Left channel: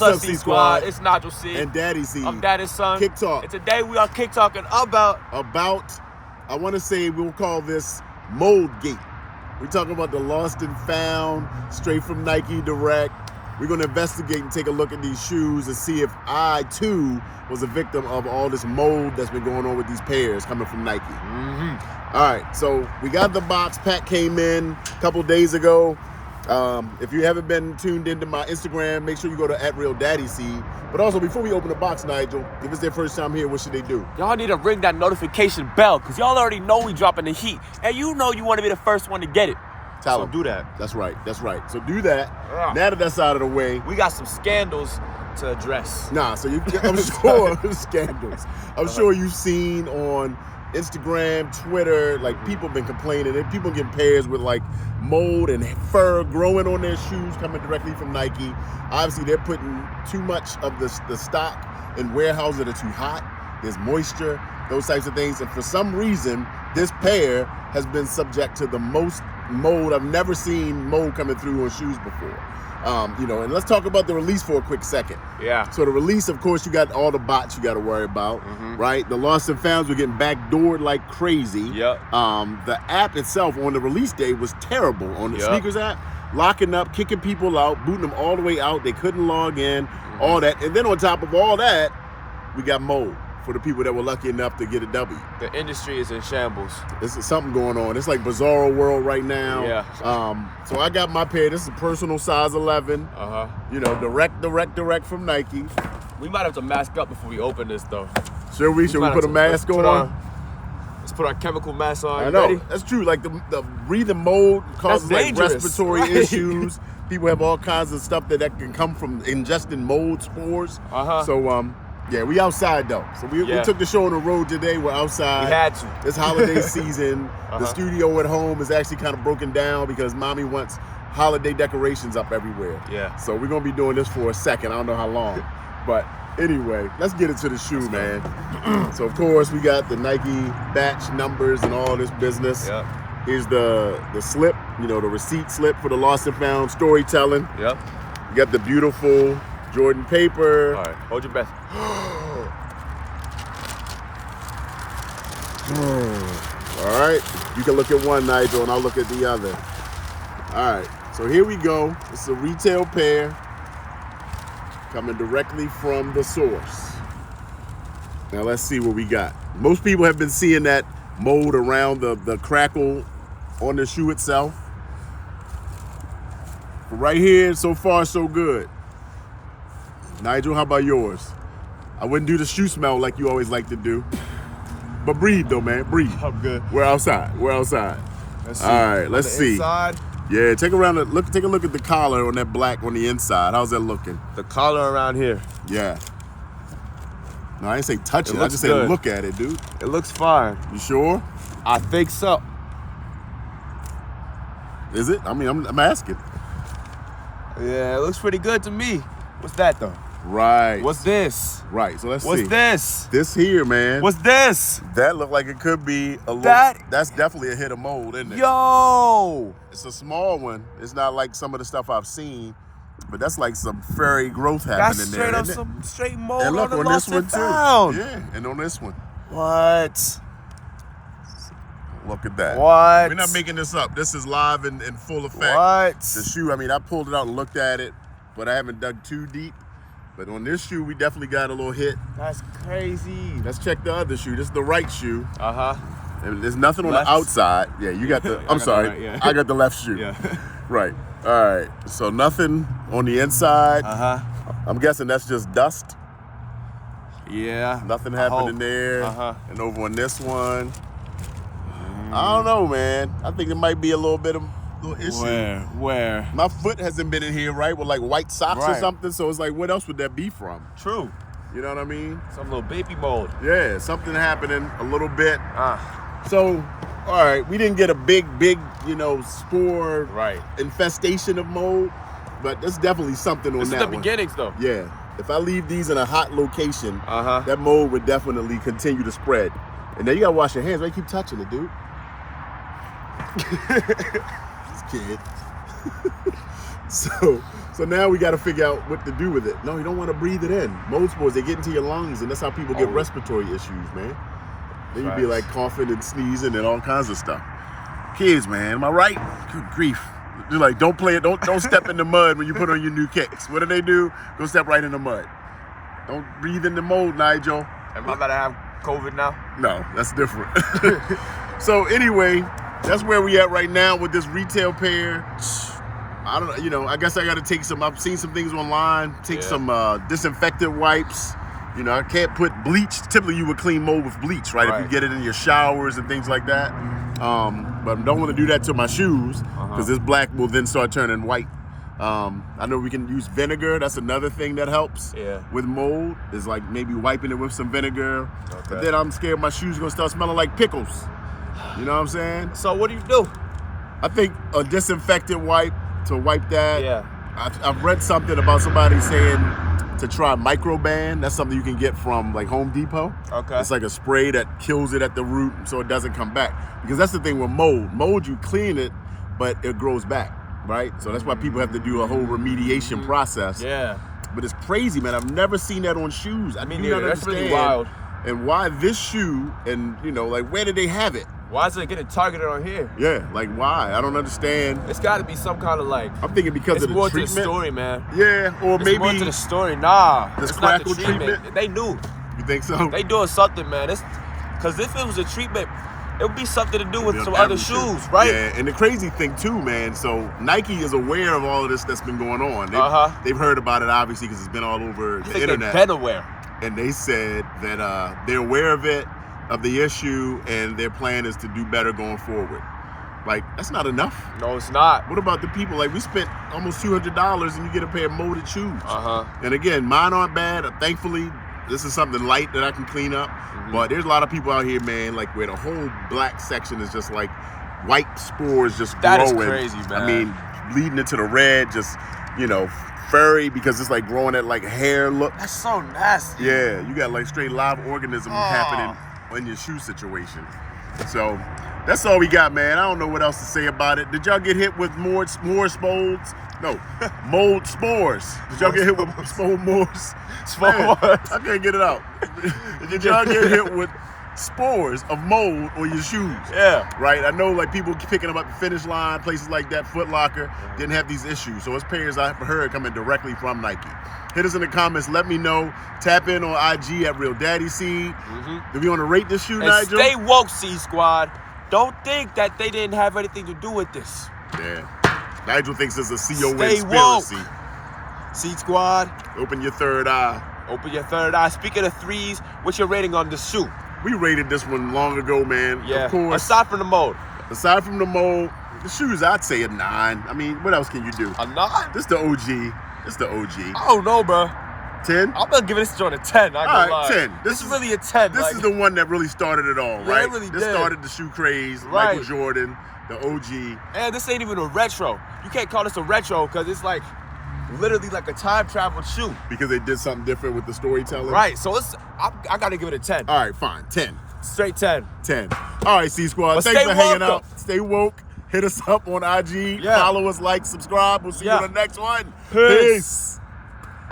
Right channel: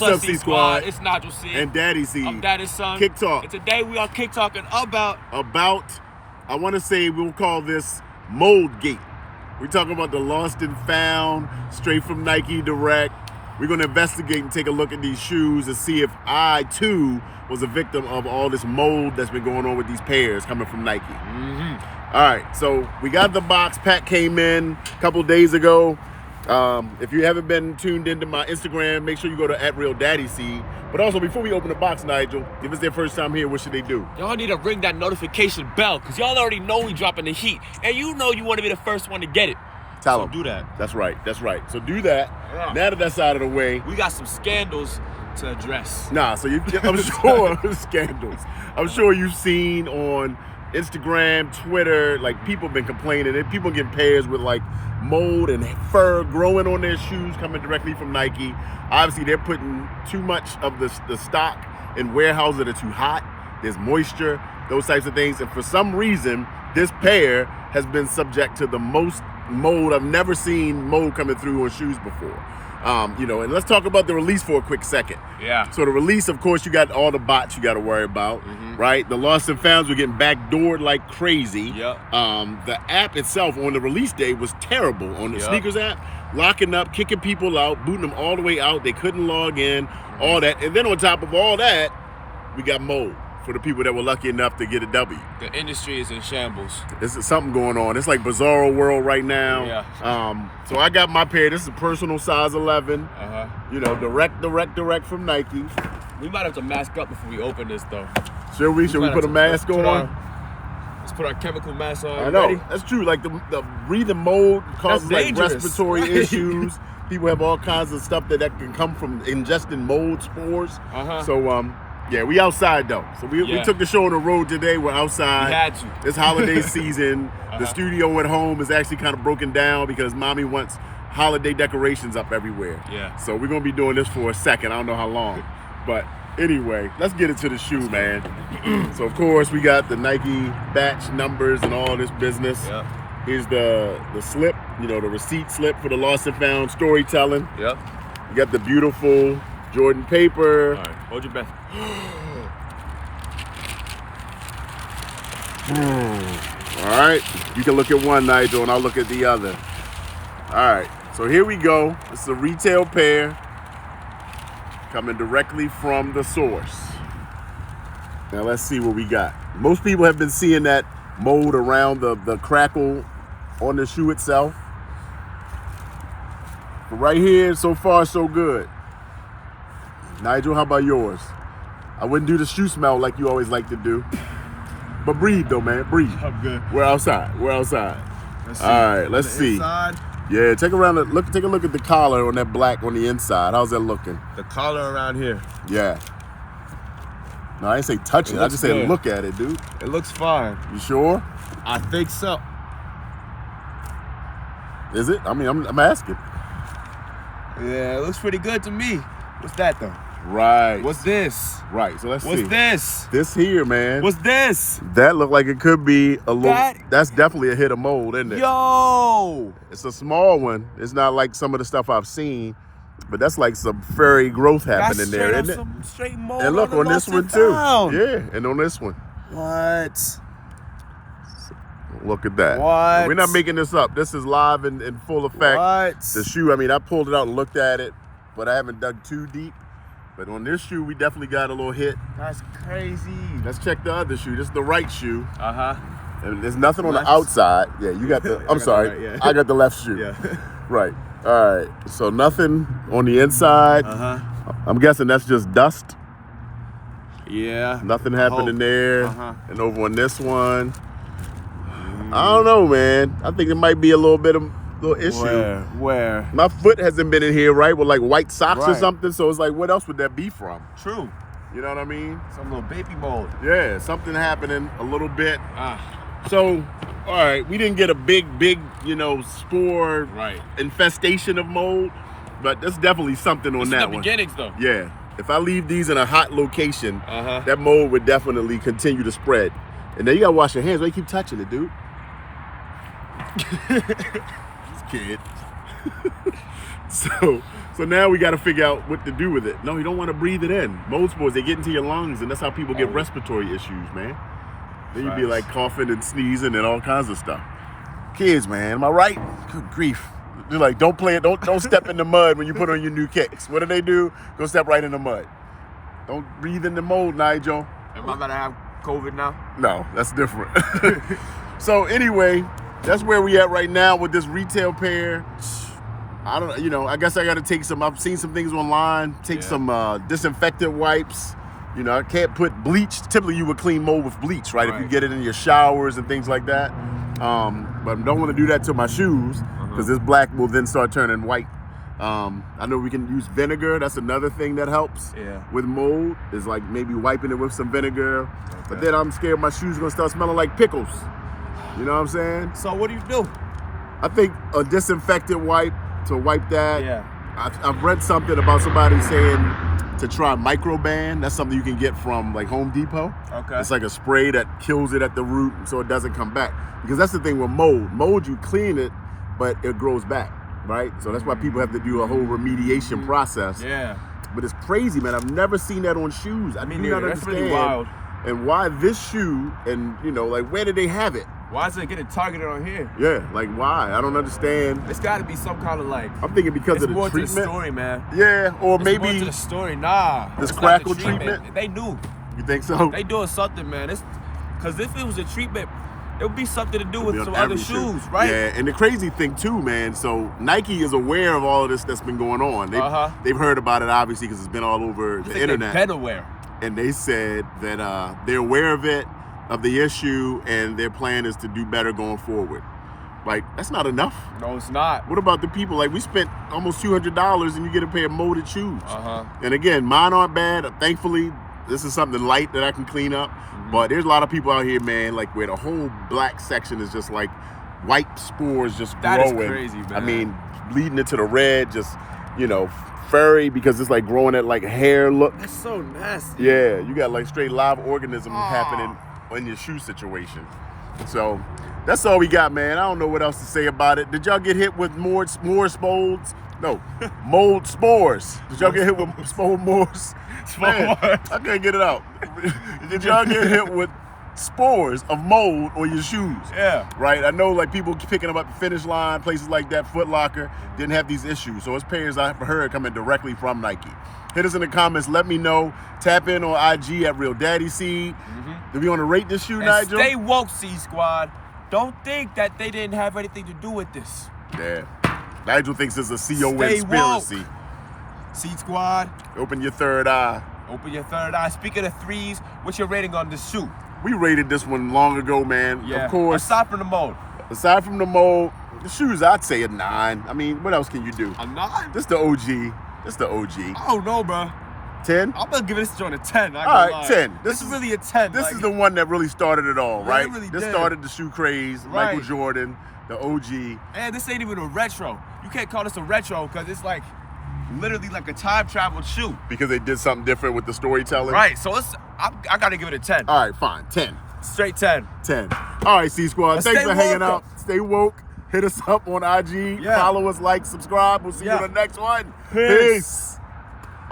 What's up, C Squad? It's Nigel C. And Daddy C. I'm Daddy's son. Kick Talk. And today we are kick talking about, I want to say we'll call this Mold Gate. We're talking about the lost and found, straight from Nike Direct. We're going to investigate and take a look at these shoes and see if I, too, was a victim of all this mold that's been going on with these pairs coming from Nike. Mm-hmm. All right, so we got the box. Pack came in a couple days ago. If you haven't been tuned into my Instagram, make sure you go to @RealDaddyC. But also, before we open the box, Nigel, if it's their first time here, what should they do? Y'all need to ring that notification bell, because y'all already know we dropping the heat. And you know you want to be the first one to get it. Tell them. Do that. That's right. So do that. Yeah. Now that that's out of the way. We got some scandals to address. Nah, so I'm sure scandals. I'm sure you've seen on Instagram, Twitter, like people been complaining and people getting pairs with like mold and fur growing on their shoes coming directly from Nike. Obviously, they're putting too much of the stock in warehouses that are too hot. There's moisture, those types of things. And for some reason, this pair has been subject to the most mold. I've never seen mold coming through on shoes before. And let's talk about the release for a quick second. Yeah. So the release, of course, you got all the bots you got to worry about, right? The lost and founds were getting backdoored like crazy. Yep. The app itself on the release day was terrible on the sneakers app, locking up, kicking people out, booting them all the way out. They couldn't log in, all that. And then on top of all that, we got mold for the people that were lucky enough to get a W. The industry is in shambles. This is something going on. It's like bizarro world right now. Yeah. So I got my pair. This is a personal size 11. Direct from Nike. We might have to mask up before we open this, though. Should we put a mask on? Let's put our chemical mask on. I know. Ready? That's true. Like the breathing mold causes like respiratory issues. People have all kinds of stuff that can come from ingesting mold spores. So yeah, we outside though. So we took the show on the road today. We're outside. We had to. It's holiday season. The studio at home is actually kind of broken down because mommy wants holiday decorations up everywhere. Yeah. So we're gonna be doing this for a second. I don't know how long, but anyway, let's get into the shoe, man. So of course we got the Nike batch numbers and all this business. Yeah. Here's the slip, the receipt slip for the lost and found storytelling. Yep. You got the beautiful Jordan paper. All right, hold your breath. All right, you can look at one, Nigel, and I'll look at the other. All right, so here we go. This is a retail pair coming directly from the source. Now let's see what we got. Most people have been seeing that mold around the crackle on the shoe itself. But right here, so far, so good. Nigel, how about yours? I wouldn't do the shoe smell like you always like to do. But breathe though, man, breathe. I'm good. We're outside. Let's see. All right, let's see. Inside, Yeah, take a look at the collar on that black on the inside. How's that looking? the collar around here. Yeah. No, I didn't say touch it. I looks just said good. look at it, dude. It looks fine. You sure? I think so. Is it? I mean, I'm asking. Yeah, it looks pretty good to me. What's that though? Right. What's this? Right. So let's see. What's this? This here, man. What's this? That look like it could be a little. That- That's definitely a hit of mold, isn't it? Yo! It's a small one. It's not like some of the stuff I've seen, but that's like some fairy growth That's happening straight there, up isn't it? some straight mold And look on the on this lost one and too. found. Yeah, and on this one. What? Look at that. What? We're not making this up. This is live in full effect. What? The shoe, I mean, I pulled it out and looked at it, but I haven't dug too deep. But on this shoe, we definitely got a little hit. That's crazy. Let's check the other shoe. This is the right shoe. Uh-huh. And there's nothing on Left? the outside. Yeah, you got the, I'm got sorry. the right, yeah. I got the left shoe. Yeah. Right. All right. So nothing on the inside. Uh-huh. I'm guessing that's just dust. Yeah. Nothing I happening hope. there. Uh-huh. And over on this one, I don't know, man. I think it might be a little bit of little issue. Where? My foot hasn't been in here, right, with like white socks or Right. something. So it's like, what else would that be from? True. You know what I mean? Some little baby mold. Yeah, something happening a little bit. Uh, So, all right, we didn't get a big, spore right. infestation of mold, but there's definitely something on This is that the one. beginnings, though. Yeah, if I leave these in a hot location, Uh-huh. that mold would definitely continue to spread. And then you gotta wash your hands. Why you keep touching it, dude? This kid. So now we got to figure out what to do with it. No, you don't want to breathe it in. Mold spores, they get into your lungs, and that's how people get respiratory issues, man. Then you'd be like coughing and sneezing and all kinds of stuff. Kids, man, am I right? Good grief. You're like, don't play it. Don't step in the mud when you put on your new kicks. What do? Go step right in the mud. Don't breathe in the mold, Nigel. Am I about to have COVID now? No, that's different. So anyway, that's where we at right now with this retail pair. I don't know, you know, I guess I got to take some, I've seen some things online, take some disinfectant wipes. You know, I can't put bleach. Typically you would clean mold with bleach, right? If you get it in your showers and things like that. But I don't want to do that to my shoes because this black will then start turning white. I know we can use vinegar. That's another thing that helps with mold, is like maybe wiping it with some vinegar. But then I'm scared my shoes are going to start smelling like pickles. You know what I'm saying? So what do you do? I think a disinfectant wipe to wipe that. Yeah. I've read something about somebody saying to try Microban. That's something you can get from like Home Depot. Okay. It's like a spray that kills it at the root so it doesn't come back. Because that's the thing with mold. Mold, you clean it, but it grows back, right? So that's why people have to do a whole remediation process. Yeah. But it's crazy, man. I've never seen that on shoes. I do not That's understand. really wild. And why this shoe, and you know, like where did they have it? Why is it getting targeted on here? Yeah, like why? I don't understand. It's got to be some kind of like. I'm thinking because of the more treatment. To the story, man. Yeah, or It's maybe more to the story. Nah, this it's not the crackle treatment. They knew. You think so? They doing something, man. It's because if it was a treatment, it would be something to do with some on other every shoe. shoes, right? Yeah, and the crazy thing too, man. So Nike is aware of all of this that's been going on. They've heard about it obviously because it's been all over the internet. They've been aware. And they said that they're aware of it, of the issue, and their plan is to do better going forward. Like, that's not enough. No, it's not. What about the people? Like, we spent almost $200 and you get a pair of molded shoes. And again, mine aren't bad. Thankfully, this is something light that I can clean up. But there's a lot of people out here, man, like where the whole black section is just like white spores just growing. That is crazy, man. I mean, bleeding into the red, just, you know, furry because it's like growing at like hair look. That's so nasty. Yeah, you got like straight live organisms happening in your shoe situation. So that's all we got, man. I don't know what else to say about it. Did y'all get hit with more molds? No, mold spores. Did y'all get hit with molds? Man, I can't get it out. Did y'all get hit with spores of mold on your shoes? Yeah. Right? I know like people picking them up at the Finish Line, places like that, Foot Locker, didn't have these issues. So it's pairs I've heard coming directly from Nike. Hit us in the comments. Let me know. Tap in on IG at Real Daddy Seed. Do we want to rate this shoe, And Nigel? stay woke, C Squad. Don't think that they didn't have anything to do with this. Yeah. Nigel thinks it's a CO Stay conspiracy. woke. C Squad. Open your third eye. Open your third eye. Speaking of threes, what's your rating on this shoe? We rated this one long ago, man. Yeah. Of course. Aside from the mold. Aside from the mold, the shoes, I'd say a 9. I mean, what else can you do? A 9? This the OG. This the OG. I don't know, bro. 10? I'm gonna give this joint a 10. All right, 10. This is really a 10. This is the one that really started it all, Yeah, right? it really this did. started the shoe craze. Right. Michael Jordan, the OG. And this ain't even a retro. You can't call this a retro because it's like literally like a time travel shoe. Because they did something different with the storytelling. Right. So I gotta give it a 10. All right, fine. 10. Straight 10. 10. All right, C Squad. But Thanks stay for hanging woke, out. Stay woke. Hit us up on IG. Yeah. Follow us, like, subscribe. We'll see you in the next one. Peace.